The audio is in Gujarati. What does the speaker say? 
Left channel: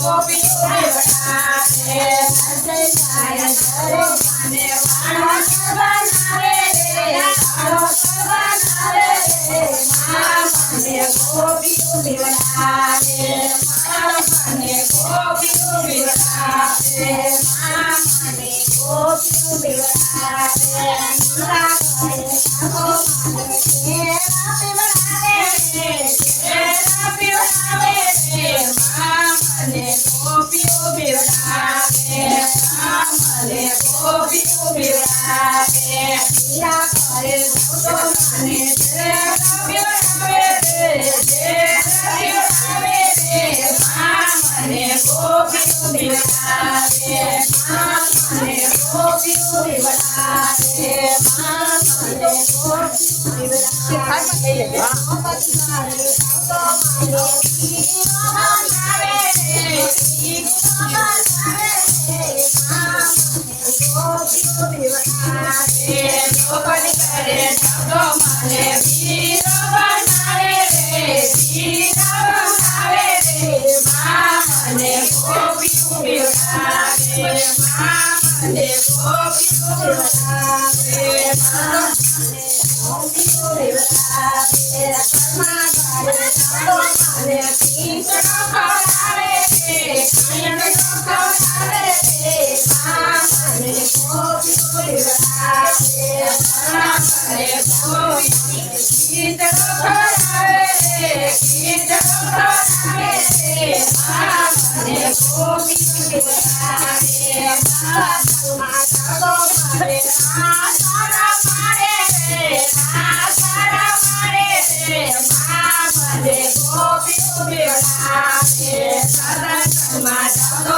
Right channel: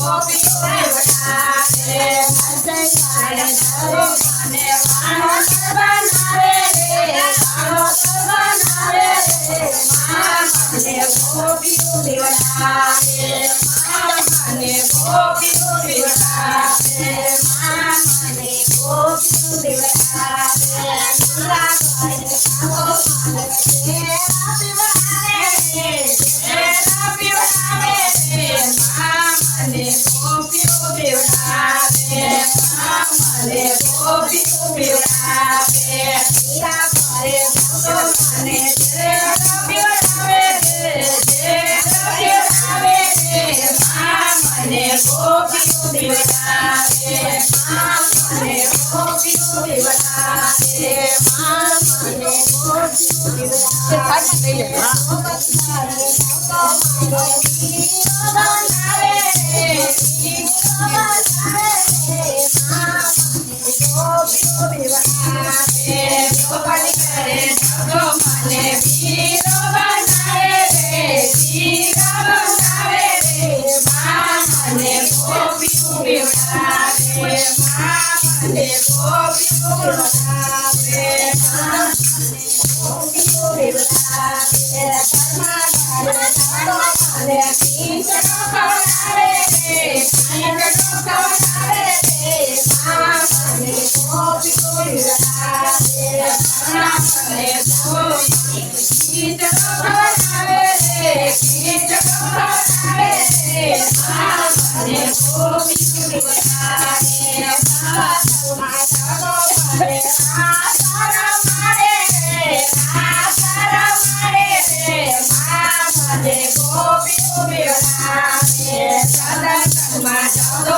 Bobby. મને ગોપીઓ બેવડાવે મને ગોપીઓ બેવડાવે પીરા કરે તો મને બેવડાવે બેવડાવે મને ગોપીઓ બેવડાવે મને ગોપીઓ બેવડાવે મને ગોપીઓ બેવડાવે Mama, they hope you Gopi, Gopi, Gopi, Gopi, Gopi, Gopi, Gopi, Gopi,